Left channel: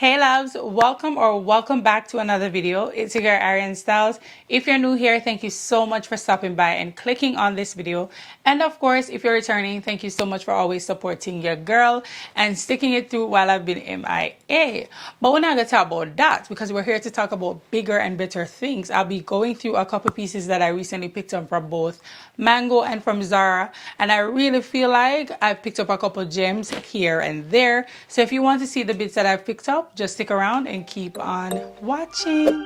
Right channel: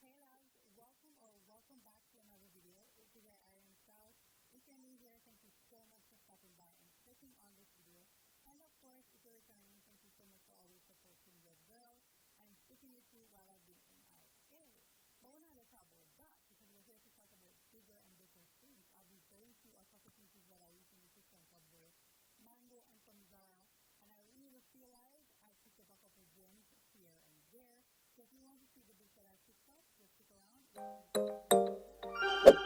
Hey loves, welcome back to another video. It's your girl ARIANNE STYLLZ. If you're new here, thank you so much for stopping by and clicking on this video. And of course, if you're returning, thank you so much for always supporting your girl and sticking it through while I've been MIA. But we're not gonna talk about that because we're here to talk about bigger and better things. I'll be going through a couple pieces that I recently picked up from both Mango and from Zara, and I really feel like I've picked up a couple gems here and there. So if you want to see the bits that I've picked up, just stick around and keep on watching.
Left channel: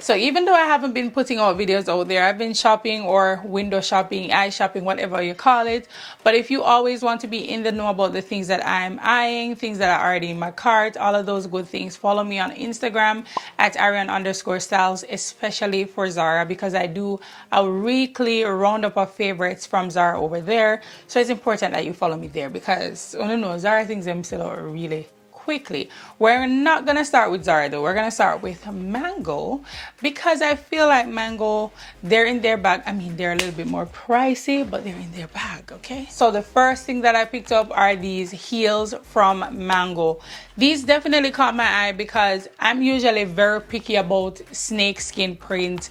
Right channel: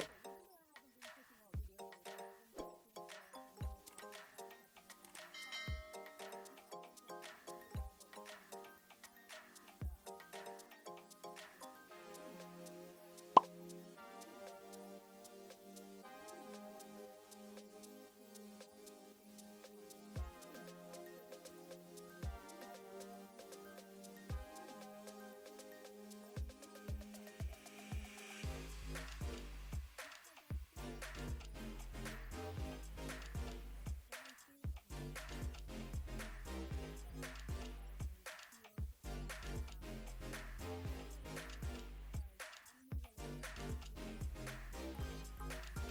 So even though I haven't been putting out videos out there, I've been shopping or window shopping, eye shopping, whatever you call it. But if you always want to be in the know about the things that I'm eyeing, things that are already in my cart, all of those good things, follow me on Instagram at ARIANNE_STYLLZ, especially for Zara, because I do a weekly roundup of favorites from Zara over there. So it's important that you follow me there because, I don't know, Zara things them sell out really quickly. We're not gonna start with Zara though. We're gonna start with Mango because I feel like Mango, they're in their bag. I mean, they're a little bit more pricey, but they're in their bag, okay? So the first thing that I picked up are these heels from Mango. These definitely caught my eye because I'm usually very picky about snake skin print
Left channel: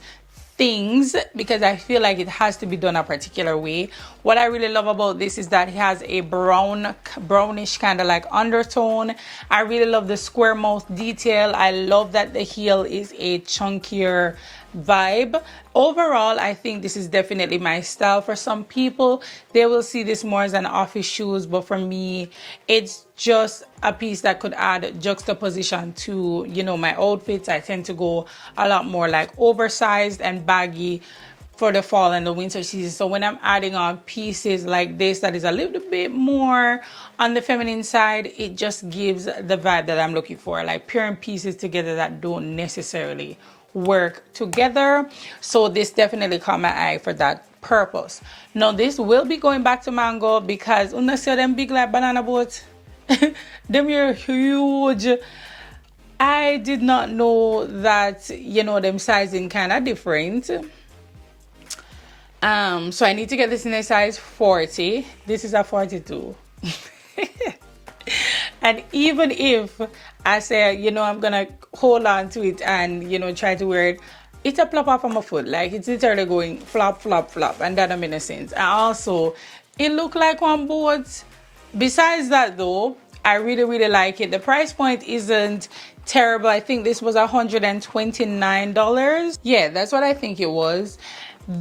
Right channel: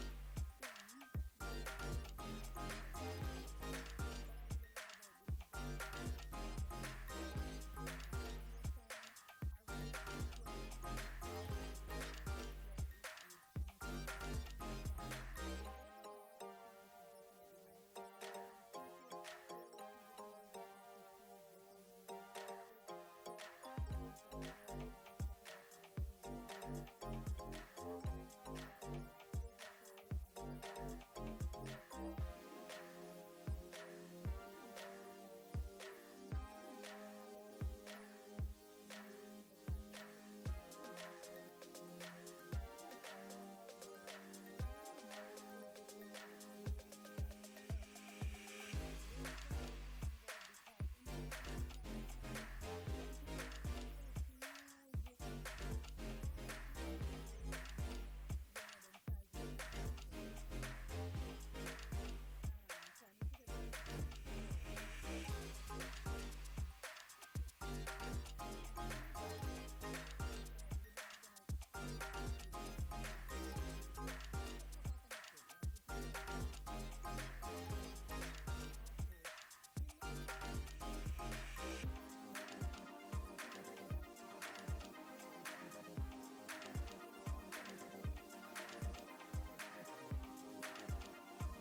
things because I feel like it has to be done a particular way. What I really love about this is that it has a brownish kind of like undertone. I really love the square mouth detail. I love that the heel is a chunkier vibe. Overall, I think this is definitely my style. For some people, they will see this more as an office shoes, but for me, it's just a piece that could add juxtaposition to, you know, my outfits. I tend to go a lot more like oversized and baggy for the fall and the winter season. So when I'm adding on pieces like this that is a little bit more on the feminine side, it just gives the vibe that I'm looking for, like pairing pieces together that don't necessarily work together. So this definitely caught my eye for that purpose. Now this will be going back to Mango because when I see them big like banana boats, them are huge. I did not know that, you know, them sizing kind of different. So I need to get this in a size 40. This is a 42. And even if I say, you know, I'm gonna hold on to it and, you know, try to wear it, it's a plop off of my foot. Like it's literally going flop, flop, flop, and that don't make no sense. And also, it looked like one boat. Besides that though, I really like it. The price point isn't terrible. I think this was $129. Yeah, that's what I think it was.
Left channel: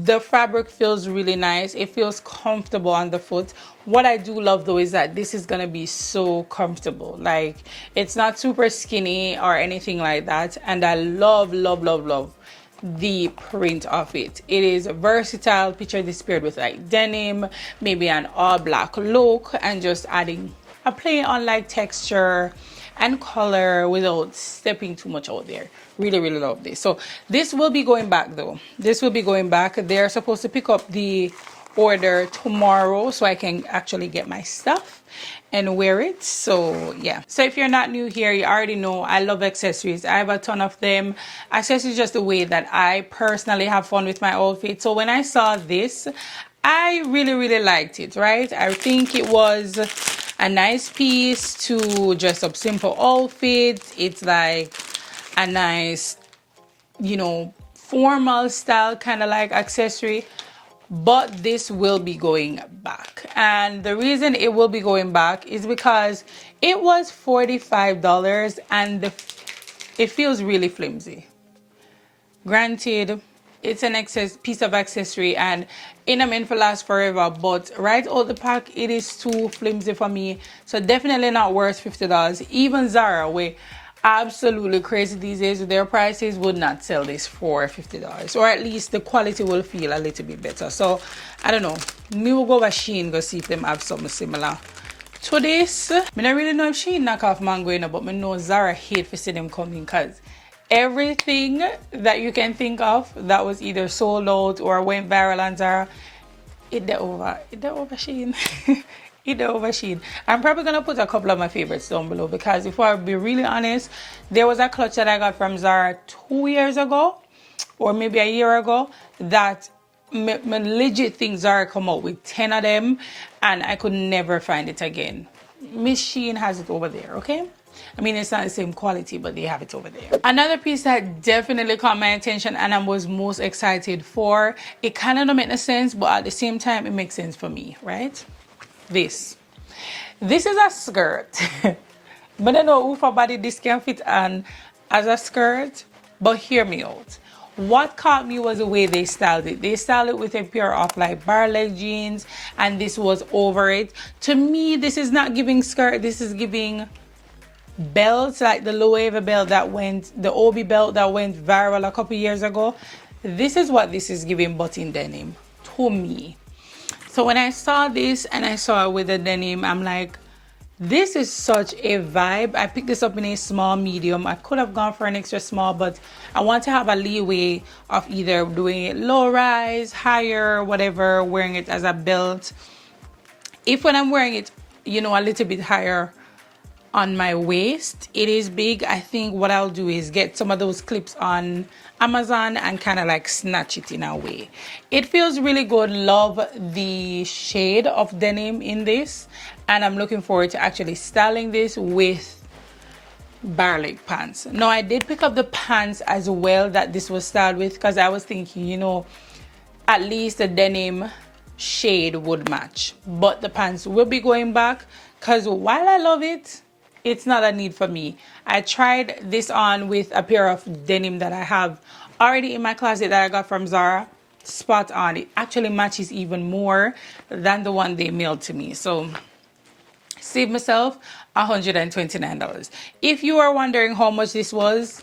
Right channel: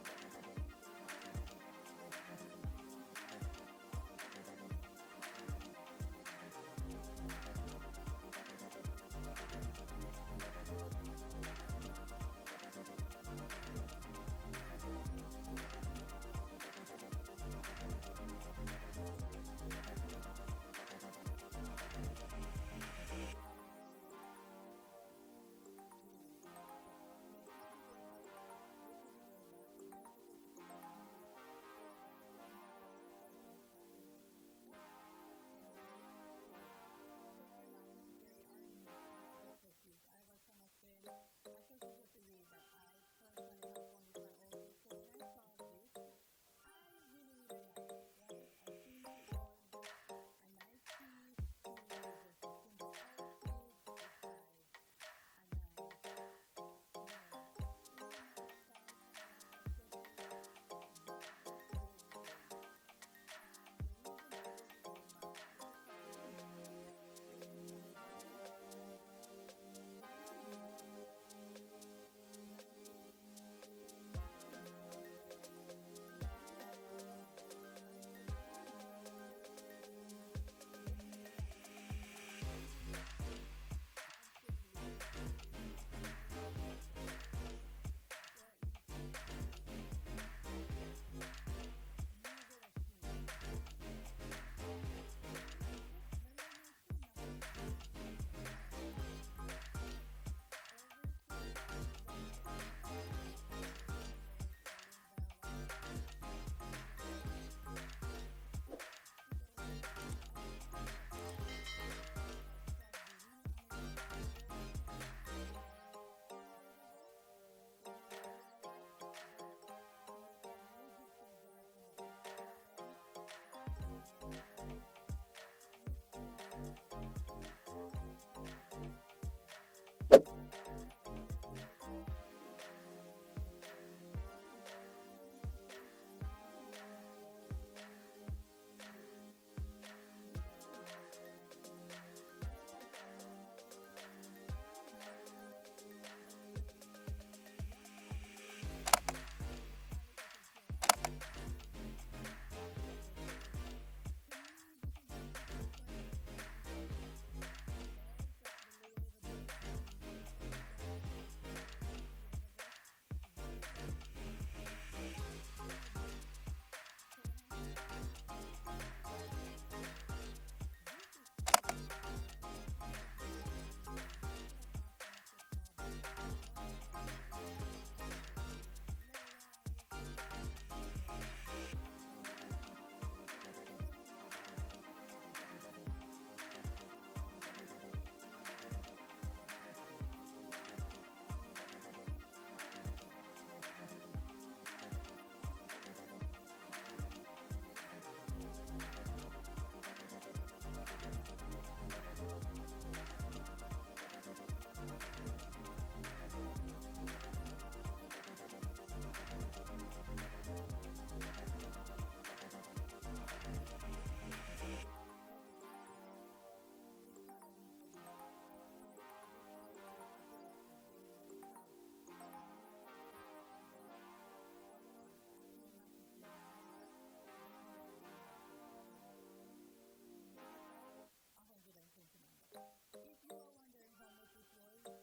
The fabric feels really nice. It feels comfortable on the foot. What I do love though is that this is gonna be so comfortable. Like it's not super skinny or anything like that. And I love the print of it. It is versatile. Picture this paired with like denim, maybe an all black look, and just adding a play on like texture and color without stepping too much out there. Really love this. So this will be going back though. This will be going back. They're supposed to pick up the order tomorrow so I can actually get my stuff and wear it. So yeah, so if you're not new here, you already know I love accessories. I have a ton of them. Accessories just the way that I personally have fun with my outfit. So when I saw this, I really liked it, right? I think it was a nice piece to dress up simple outfits. It's like a nice, you know, formal style kind of like accessory, but this will be going back. And the reason it will be going back is because it was $45 and it feels really flimsy. Granted, it's an piece of accessory and it ain't meant for last forever, but right out the pack it is too flimsy for me. So definitely not worth $50. Even Zara, where absolutely crazy these days with their prices, would not sell this for $50, or at least the quality will feel a little bit better. So I don't know, me will go over Shein, go see if them have something similar to this. I don't really know if Shein knock off Mango, you know, but I know Zara hate to see them coming because everything that you can think of that was either sold out or went viral on Zara, it over Shein. It over Shein. I'm probably gonna put a couple of my favorites down below because if I be really honest, there was a clutch that I got from Zara 2 years ago or maybe a year ago that my legit things Zara come out with 10 of them and I could never find it again. Miss Shein has it over there, okay? I mean, it's not the same quality, but they have it over there. Another piece that definitely caught my attention and I was most excited for, it kind of don't make no sense, but at the same time, it makes sense for me, right? This is a skirt. But I know for body this can fit on as a skirt, but hear me out. What caught me was the way they styled it. They styled it with a pair of like bar leg jeans and this was over it. To me, this is not giving skirt, this is giving belts, like the low wave belt that went, the Obi belt that went viral a couple years ago. This is what this is giving, but in denim, to me. So when I saw this and I saw it with the denim, I'm like, this is such a vibe. I picked this up in a small medium. I could have gone for an extra small, but I want to have a leeway of either doing it low rise, higher, whatever, wearing it as a belt. If when I'm wearing it, you know, a little bit higher on my waist, it is big, I think what I'll do is get some of those clips on Amazon and kind of like snatch it in a way. It feels really good. Love the shade of denim in this, and I'm looking forward to actually styling this with bar leg pants. Now I did pick up the pants as well that this was styled with because I was thinking, you know, at least the denim shade would match, but the pants will be going back because while I love it, it's not a need for me. I tried this on with a pair of denim that I have already in my closet that I got from Zara. Spot on. It actually matches even more than the one they mailed to me. So save myself $129. If you are wondering how much this was,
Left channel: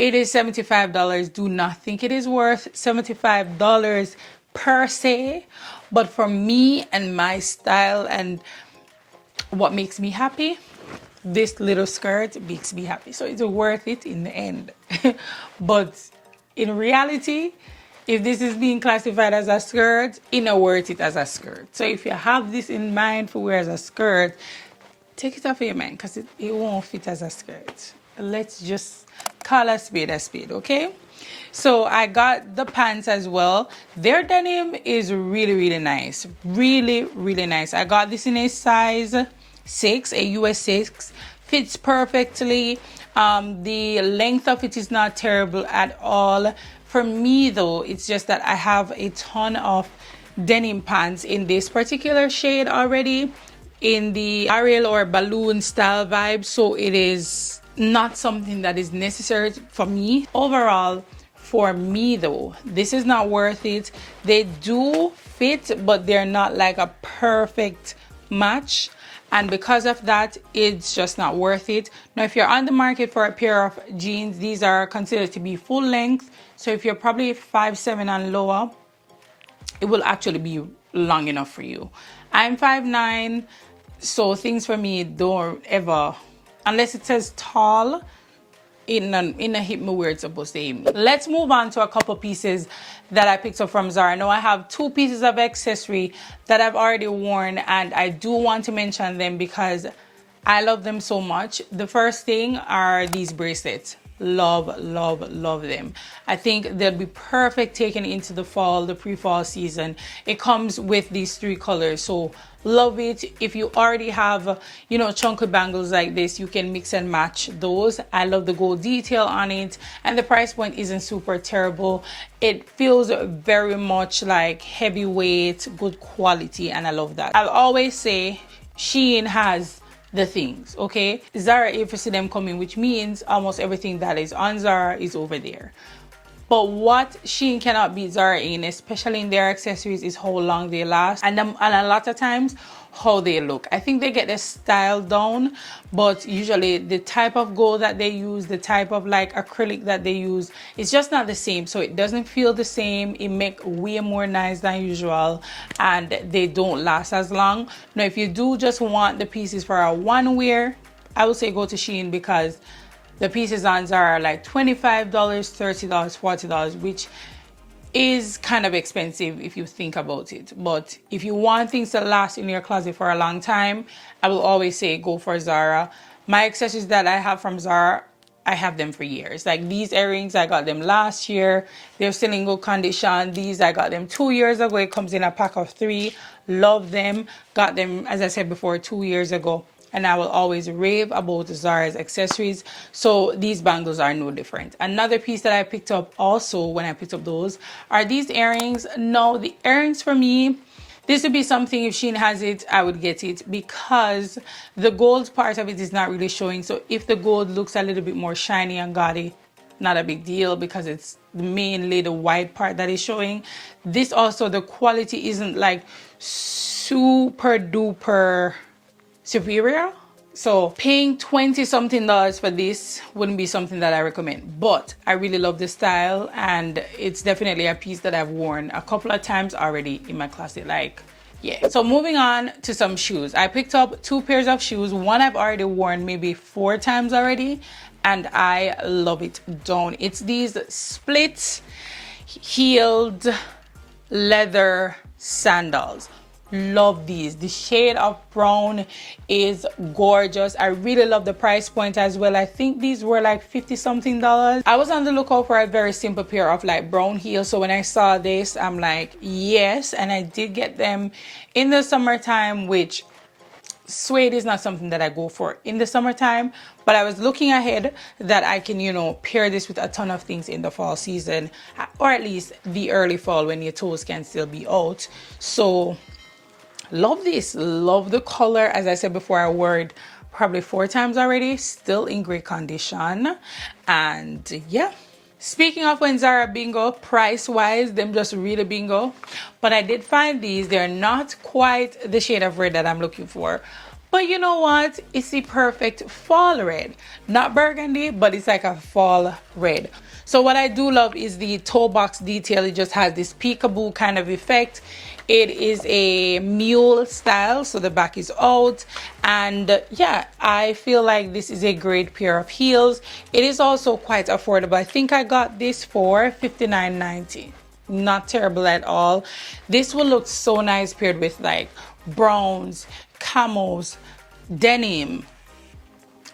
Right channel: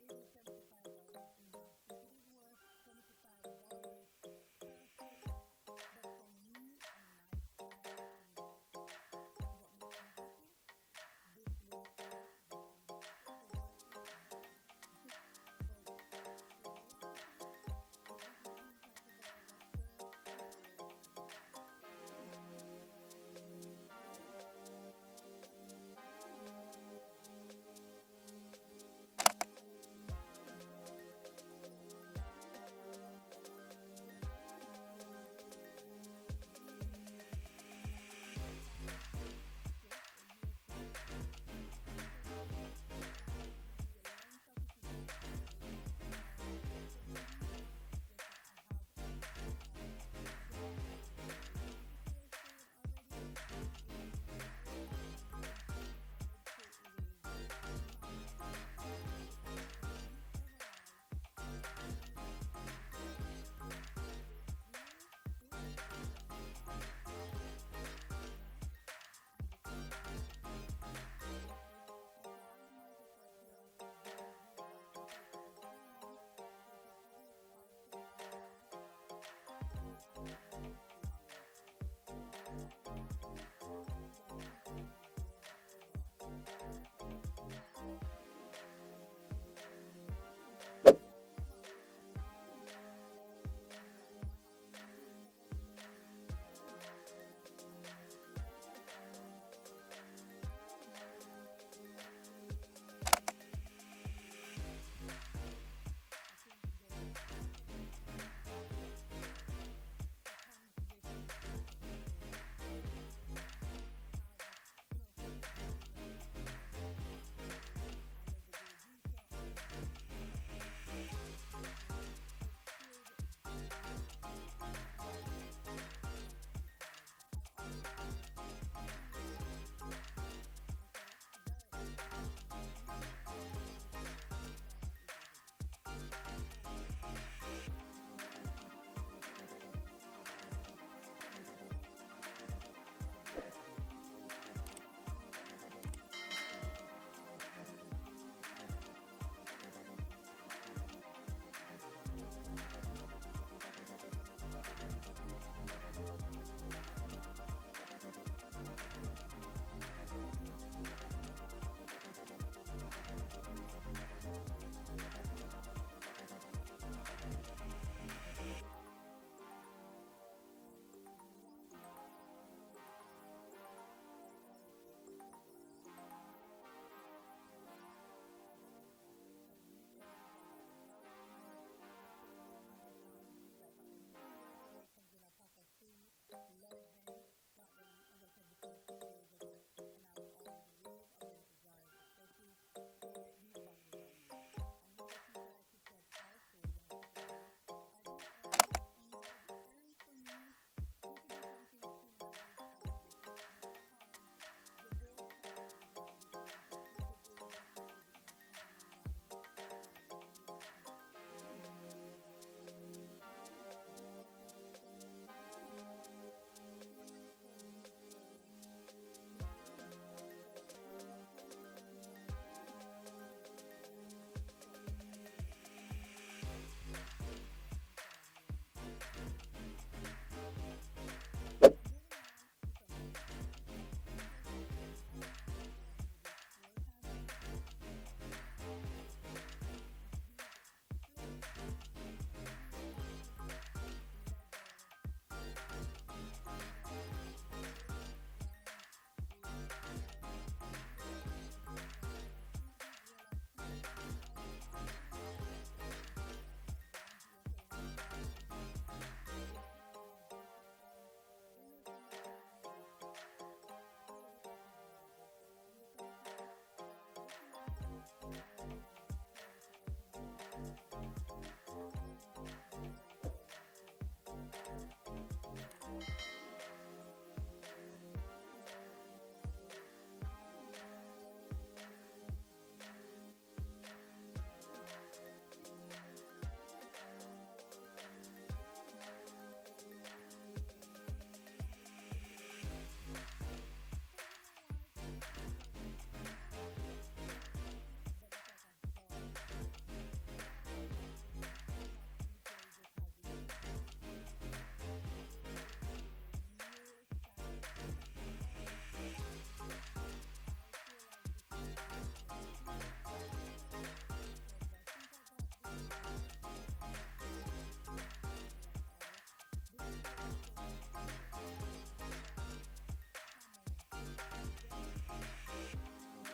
it is $75. Do not think it is worth $75 per se, but for me and my style and what makes me happy, this little skirt makes me happy, so it's worth it in the end. But in reality, if this is being classified as a skirt, it's not worth it as a skirt. So if you have this in mind for wear as a skirt, take it off of your mind because it won't fit as a skirt. Let's just call a spade, okay? So I got the pants as well. Their denim is really nice, really nice. I got this in a size 6, a US 6, fits perfectly. The length of it is not terrible at all. For me though, it's just that I have a ton of denim pants in this particular shade already, in the Ariel or balloon style vibe, so it is not something that is necessary for me. Overall, for me though, this is not worth it. They do fit, but they're not like a perfect match, and because of that, it's just not worth it. Now if you're on the market for a pair of jeans, these are considered to be full length, so if you're probably 5'7" and lower, it will actually be long enough for you. I'm 5'9", so things for me don't ever, unless it says tall, in a hip me where it's supposed to hit me. Let's move on to a couple pieces that I picked up from Zara. Now I have 2 pieces of accessory that I've already worn, and I do want to mention them because I love them so much. The first thing are these bracelets. Love them. I think they'll be perfect taken into the fall, the pre-fall season. It comes with these 3 colors, so love it. If you already have, you know, chunky bangles like this, you can mix and match those. I love the gold detail on it, and the price point isn't super terrible. It feels very much like heavyweight, good quality, and I love that. I'll always say Shein has the things, okay? Zara, if you see them coming, which means almost everything that is on Zara is over there. But what Shein cannot beat Zara in, especially in their accessories, is how long they last, and a lot of times how they look. I think they get the style down, but usually the type of gold that they use, the type of like acrylic that they use, it's just not the same. So it doesn't feel the same. It make way more nice than usual, and they don't last as long. Now if you do just want the pieces for a one wear, I would say go to Shein, because the pieces on Zara are like $25, $30, $40, which is kind of expensive if you think about it. But if you want things to last in your closet for a long time, I will always say go for Zara. My accessories that I have from Zara I have them for years. Like these earrings, I got them last year. They're still in good condition. These, I got them 2 years ago. It comes in a pack of 3. Love them. Got them, as I said before, 2 years ago. And I will always rave about Zara's accessories. So these bangles are no different. Another piece that I picked up also when I picked up those are these earrings. No, the earrings for me, this would be something, if Shein has it, I would get it, because the gold part of it is not really showing. So if the gold looks a little bit more shiny and gaudy, not a big deal, because it's mainly the white part that is showing. This also, the quality isn't like super duper superior. So paying $20 something for this wouldn't be something that I recommend, but I really love the style, and it's definitely a piece that I've worn a couple of times already in my closet. Like, yeah. So moving on to some shoes. I picked up 2 pairs of shoes. One I've already worn maybe 4 times already, and I love it down. It's these split heeled leather sandals. Love these. The shade of brown is gorgeous. I really love the price point as well. I think these were like 50 something dollars. I was on the lookout for a very simple pair of like brown heels, so when I saw this, I'm like, yes. And I did get them in the summertime, which suede is not something that I go for in the summertime, but I was looking ahead that I can, you know, pair this with a ton of things in the fall season, or at least the early fall when your toes can still be out. So love this. Love the color. As I said before, I wore it probably 4 times already. Still in great condition. And yeah. Speaking of when Zara bingo, price wise, them just really bingo. But I did find these. They're not quite the shade of red that I'm looking for. But you know what? It's the perfect fall red. Not burgundy, but it's like a fall red. So what I do love is the toe box detail. It just has this peekaboo kind of effect. It is a mule style, so the back is out, and yeah, I feel like this is a great pair of heels. It is also quite affordable. I think I got this for $59.90. Not terrible at all. This will look so nice paired with like browns, camos, denim,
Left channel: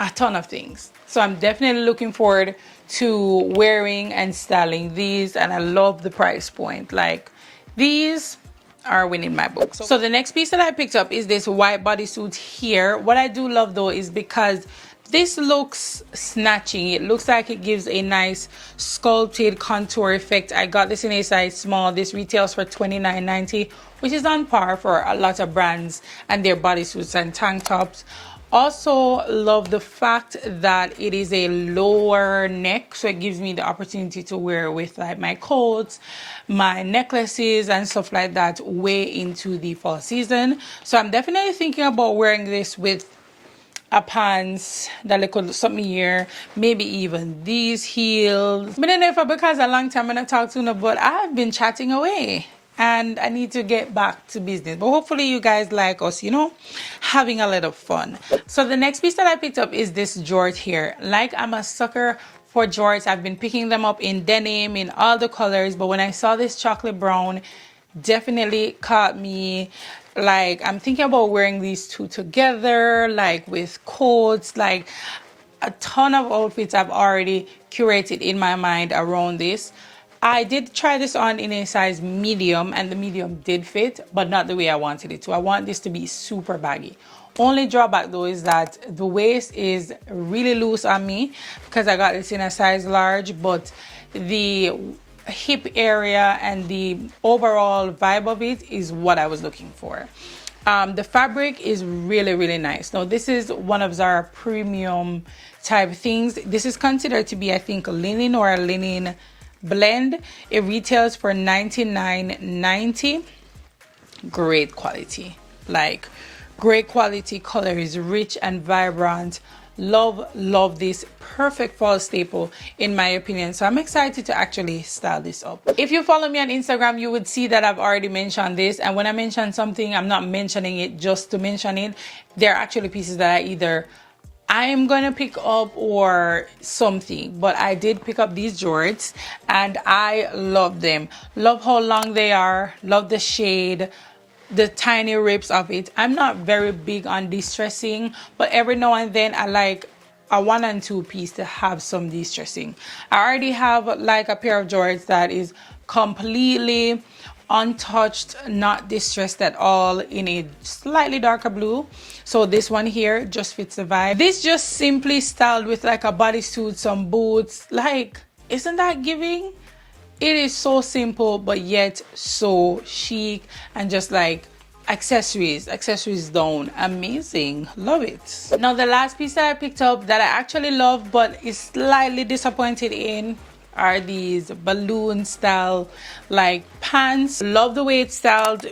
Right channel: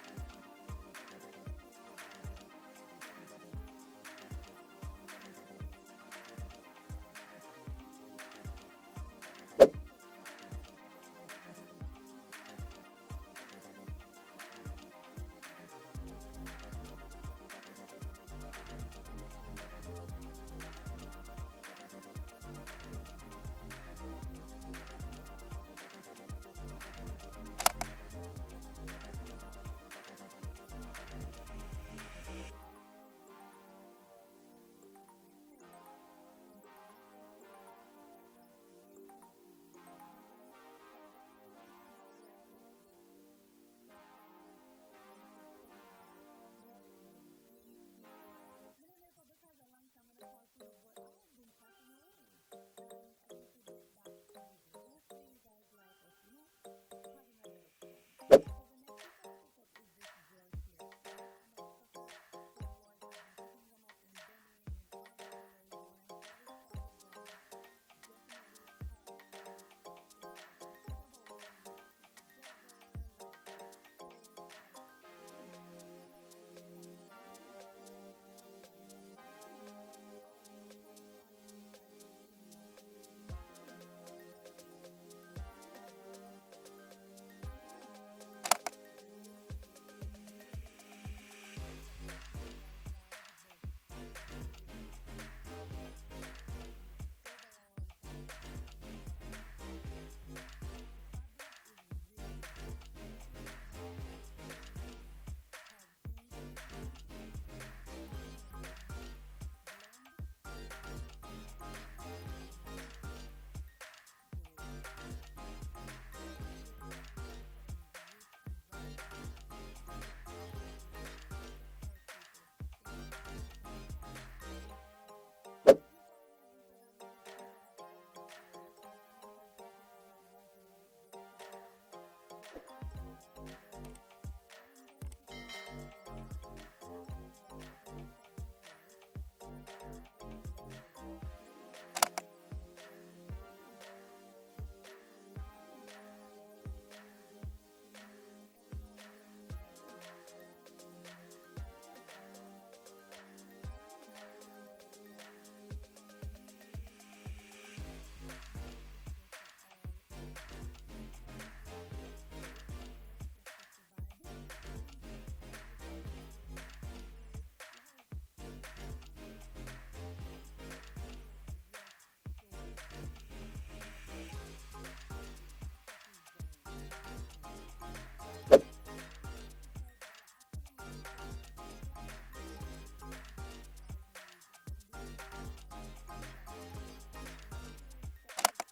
a ton of things. So I'm definitely looking forward to wearing and styling these, and I love the price point. Like, these are winning my book. So the next piece that I picked up is this white bodysuit here. What I do love though is because this looks snatching. It looks like it gives a nice sculpted contour effect. I got this in a size small. This retails for $29.90, which is on par for a lot of brands and their bodysuits and tank tops. Also love the fact that it is a lower neck, so it gives me the opportunity to wear it with like my coats, my necklaces and stuff like that way into the fall season. So I'm definitely thinking about wearing this with a pants that little something here, maybe even these heels. But then if because a long time I'm not talk to you, but I've been chatting away and I need to get back to business. But hopefully you guys like us, you know, having a lot of fun. So the next piece that I picked up is this jort here. Like, I'm a sucker for jorts. I've been picking them up in denim, in all the colors, but when I saw this chocolate brown, definitely caught me. Like, I'm thinking about wearing these two together, like with coats, like a ton of outfits I've already curated in my mind around this. I did try this on in a size medium, and the medium did fit, but not the way I wanted it to. I want this to be super baggy. Only drawback though is that the waist is really loose on me because I got this in a size large, but the hip area and the overall vibe of it is what I was looking for. The fabric is really, really nice. Now this is one of Zara premium type things. This is considered to be, I think, linen or a linen blend. It retails for $99.90. Great quality, like great quality. Color is rich and vibrant. Love this. Perfect fall staple in my opinion. So I'm excited to actually style this up. If you follow me on Instagram, you would see that I've already mentioned this, and when I mention something, I'm not mentioning it just to mention it. They're actually pieces that I'm gonna pick up or something, but I did pick up these jorts and I love them. Love how long they are, love the shade, the tiny rips of it. I'm not very big on distressing, but every now and then I like a 1 and 2 piece to have some de-stressing. I already have like a pair of jorts that is completely untouched, not distressed at all, in a slightly darker blue. So this one here just fits the vibe. This just simply styled with like a bodysuit, some boots. Like, isn't that giving? It is so simple but yet so chic, and just like accessories down, amazing, love it. Now the last piece that I picked up that I actually love but is slightly disappointed in are these balloon style like pants. Love the way it's styled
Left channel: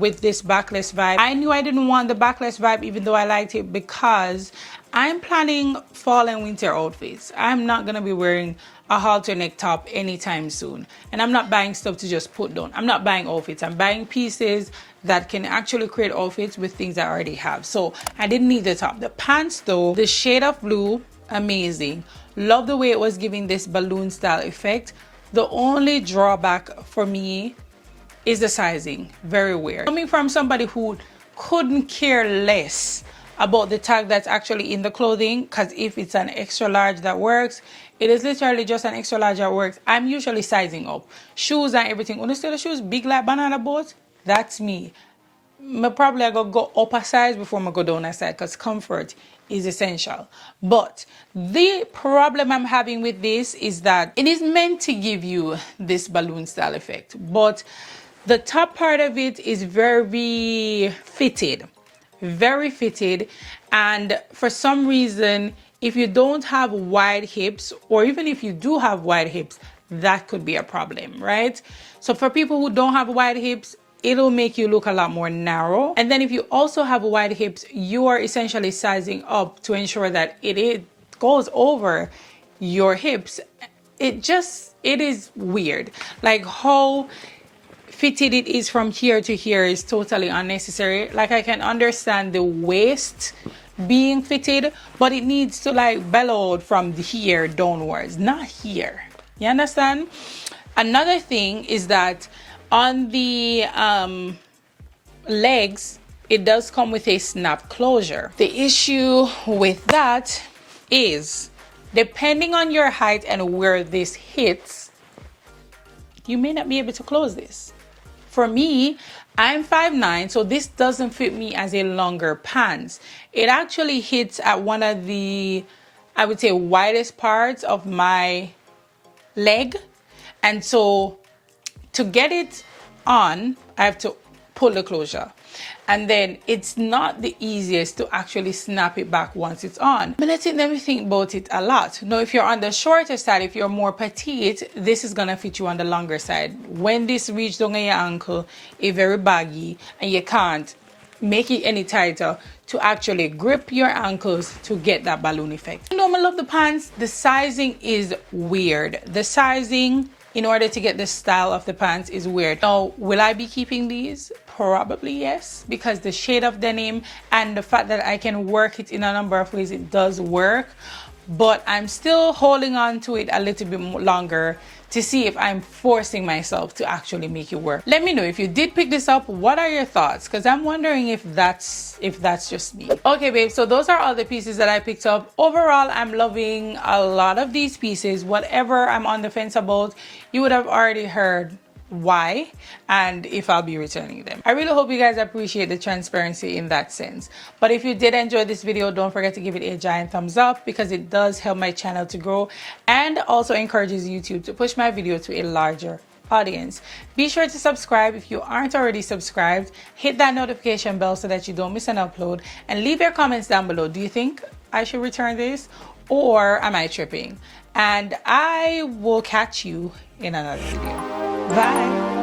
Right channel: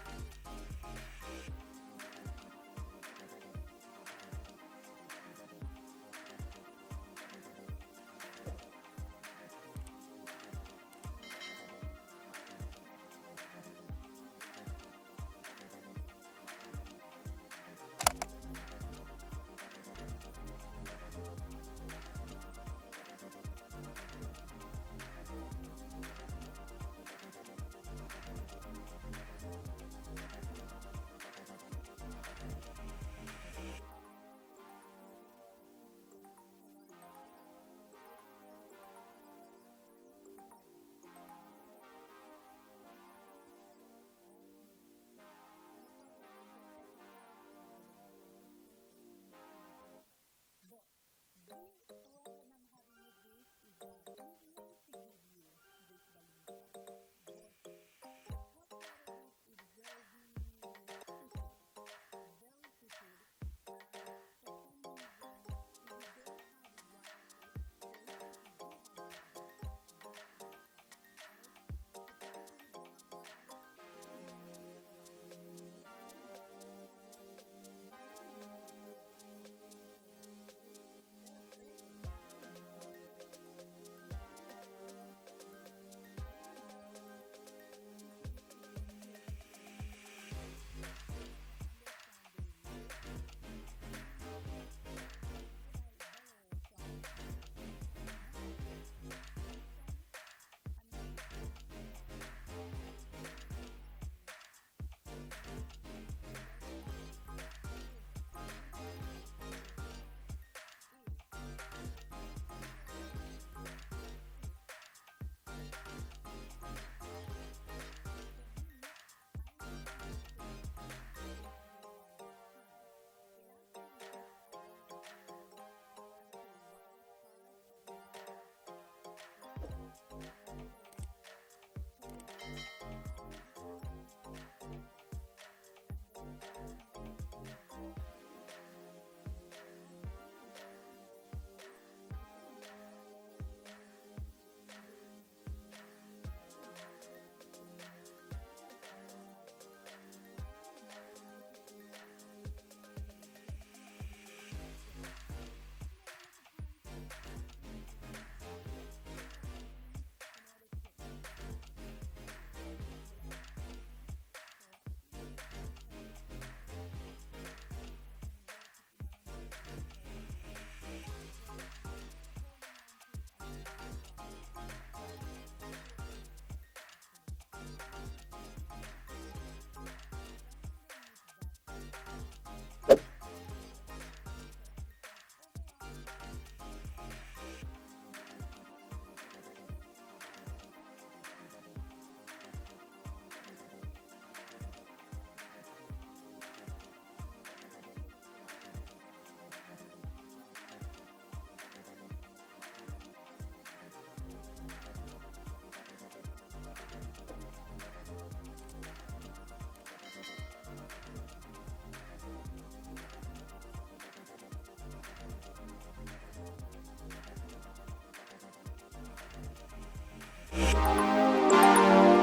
with this backless vibe. I knew I didn't want the backless vibe even though I liked it, because I'm planning fall and winter outfits. I'm not gonna be wearing a halter neck top anytime soon, and I'm not buying stuff to just put down. I'm not buying outfits, I'm buying pieces that can actually create outfits with things I already have. So I didn't need the top. The pants though, the shade of blue, amazing. Love the way it was giving this balloon style effect. The only drawback for me is the sizing. Very weird. Coming from somebody who couldn't care less about the tag that's actually in the clothing, because if it's an extra large that works, it is literally just an extra large that works. I'm usually sizing up. Shoes and everything. When you see the shoes big like banana boat, that's me. Probably I go up a size before I go down a size, because comfort is essential. But the problem I'm having with this is that it is meant to give you this balloon style effect, but the top part of it is very fitted, and for some reason, if you don't have wide hips, or even if you do have wide hips, that could be a problem, right? So for people who don't have wide hips, it'll make you look a lot more narrow. And then if you also have wide hips, you are essentially sizing up to ensure that it goes over your hips. It is weird. Like how fitted it is from here to here is totally unnecessary. Like I can understand the waist being fitted, but it needs to like bellow from here downwards, not here. You understand? Another thing is that on the legs, it does come with a snap closure. The issue with that is, depending on your height and where this hits, you may not be able to close this. For me, I'm 5'9", so this doesn't fit me as a longer pants. It actually hits at one of the, I would say, widest parts of my leg. And so to get it on, I have to pull the closure. And then it's not the easiest to actually snap it back once it's on. But let's let me think about it a lot. Now, if you're on the shorter side, if you're more petite, this is gonna fit you on the longer side. When this reaches down your ankle, it's very baggy, and you can't make it any tighter to actually grip your ankles to get that balloon effect. You know, I love the pants. The sizing is weird. The sizing, in order to get the style of the pants, is weird. Now, will I be keeping these? Probably yes, because the shade of denim and the fact that I can work it in a number of ways, it does work. But I'm still holding on to it a little bit longer to see if I'm forcing myself to actually make it work. Let me know if you did pick this up. What are your thoughts? Because I'm wondering if that's just me. Okay, babe, so those are all the pieces that I picked up. Overall, I'm loving a lot of these pieces. Whatever I'm on the fence about, you would have already heard why and if I'll be returning them. I really hope you guys appreciate the transparency in that sense. But if you did enjoy this video, don't forget to give it a giant thumbs up, because it does help my channel to grow and also encourages YouTube to push my video to a larger audience. Be sure to subscribe if you aren't already subscribed. Hit that notification bell so that you don't miss an upload, and leave your comments down below. Do you think I should return this, or am I tripping? And I will catch you in another video. Bye.